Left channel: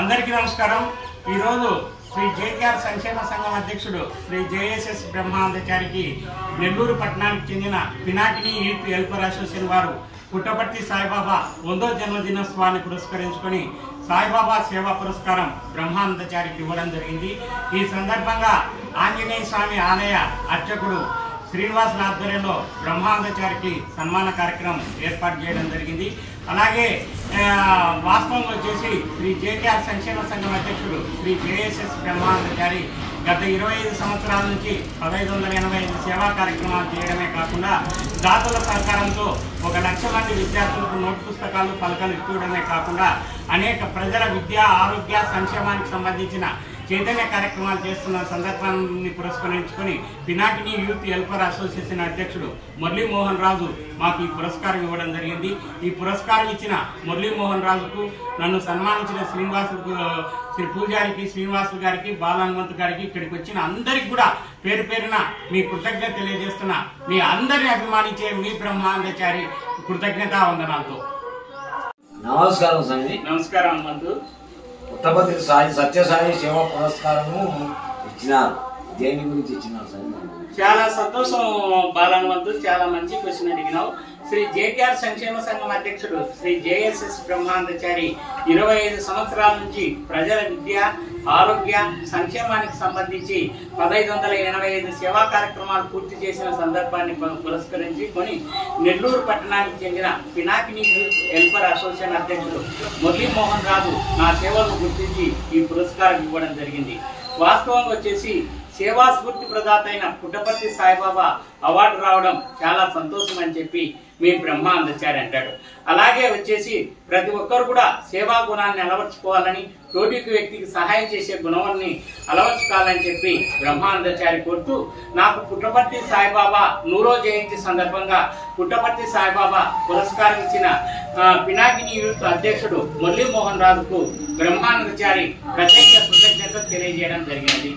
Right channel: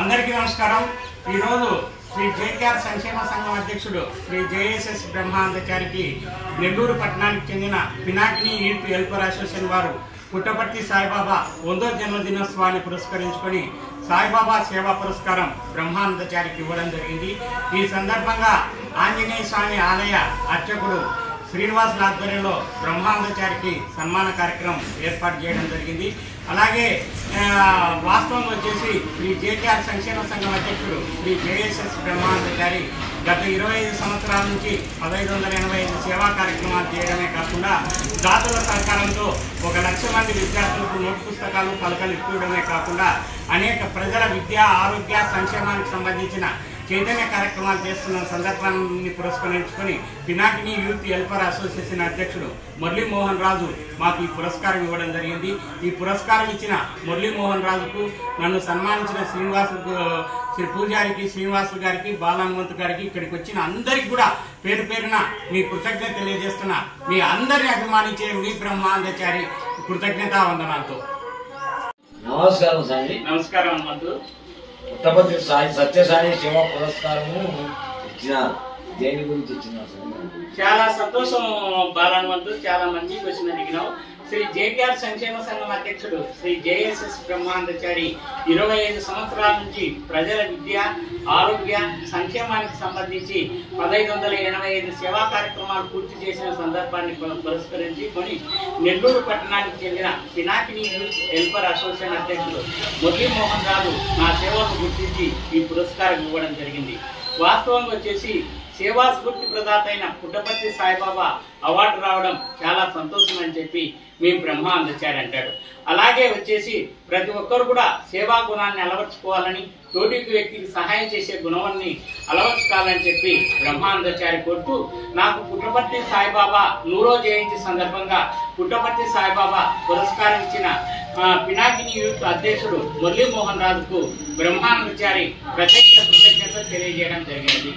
అందరికీ నమస్కారం। ఈ రోజు శ్రీ జేకేఆర్ సంక్షేమ సంఘం అధ్యక్షుడు శ్రీ జేఎస్ఎస్ బ్రహ్మానందచారికి నెల్లూరు పట్టణానికి చెందిన పినాకిని యూత్ వెల్ఫేర్ అసోసియేషన్ వారు పుట్టపర్తి సాయిబాబా 100వ జన్మదినోత్సవాన్ని పురస్కరించుకొని సాయిబాబా సేవా పురస్కారం బ్రహ్మానందచారికి ఇవ్వడం జరిగింది। ఈ సందర్భంగా ఆంజనేయ స్వామి ఆలయ అర్చకుడు శ్రీనివాస్ ఆధ్వర్యంలో బ్రహ్మానందచారికి సన్మాన కార్యక్రమం ఏర్పాటు చేయడం జరిగింది। అలాగే వాస్తవం వచ్చేసి శ్రీ జేకేఆర్ సంక్షేమ సంఘం అధ్యక్షుడు శ్రీ జేఎస్ఎస్ బ్రహ్మానందచారి గత 25 సంవత్సరాల నుంచి 1585 సేవా కార్యక్రమాలు చేయడమే కాకుండా దాతల సహకారంతో 1 లక్ష మంది విద్యార్థులకు నోట్ పుస్తకాలు పలకలు ఇవ్వడమే కాకుండా అనేక ప్రజల విద్య ఆరోగ్య సంక్షేమానికి సంబంధించిన చైతన్య కార్యక్రమాలు చేస్తున్న సందర్భాన్ని పురస్కరించుకొని పినాకిని యూత్ వెల్ఫేర్ అసోసియేషన్ అధ్యక్షుడు మురళీమోహన్ రాజు మాకు ఈ పురస్కారం ఇవ్వడం జరిగింది। ఈ పురస్కారం ఇచ్చిన మురళీమోహన్ రాజుకు, నన్ను సన్మానించిన శ్రీ పూజారికి శ్రీనివాసు గారికి, బాలహనుమంతు గారికి, ఇక్కడికి వచ్చిన అందరికి కూడా పేరు పేరున మీ కృతజ్ఞత తెలియజేస్తున్నా। మీ అందరిని అభిమానించే మీ బ్రహ్మానందచారి కృతజ్ఞతా వందనాలతో। నమస్కారం సాయి। నమస్కారం హనుమంతు। పుట్టపర్తి సాయి సత్యసాయి సేవా పురస్కారము ఇచ్చినారు, దేని గురించి ఇచ్చినారు సార్? చాలా సంతోషం బాలహనుమంతు, చాలా మంచి క్వశ్చన్ అడిగినావు। శ్రీ జేకేఆర్ సంక్షేమ సంఘం అధ్యక్షుడు శ్రీ జేఎస్ఎస్ బ్రహ్మానందచారి 25 సంవత్సరాల నుంచి ప్రజల విద్య ఆరోగ్య సంక్షేమానికి సంబంధించి 1585 సేవా కార్యక్రమాలు పూర్తి చేసిన సందర్భాన్ని పురస్కరించుకొని నెల్లూరు పట్టణానికి చెందిన పినాకిని యూత్ వెల్ఫేర్ అసోసియేషన్ అధ్యక్షుడు మురళీమోహన్ రాజు నా సేవలను గుర్తించి ఈ పురస్కారం ఇవ్వడం జరిగింది। వాస్తవంగా వచ్చేసి సేవా స్ఫూర్తి ప్రదాత అయిన పుట్టపర్తి సాయిబాబా అవార్డు రావడం చాలా సంతోషం అని చెప్పి మీ బ్రహ్మానందచారి అంటాడు। అలాగే వచ్చేసి ప్రతి ఒక్కరు కూడా సేవా గుణాన్ని అలవర్చుకోవాలని, తోటి వ్యక్తికి సహాయం చేసే గుణాన్ని అలవర్చుకోవాలని చెప్పి బ్రహ్మానందచారి కోరుతూ, నాకు పుట్టపర్తి సాయిబాబా 100వ జయంతి సందర్భంగా పుట్టపర్తి సాయిబాబా పురస్కారం ఇచ్చిన పినాకిని యూత్ అధ్యక్షుడు మురళీమోహన్ రాజుకు బ్రహ్మానందచారి ప్రత్యేక కృతజ్ఞతలు తెలియజేయడం జరిగింది।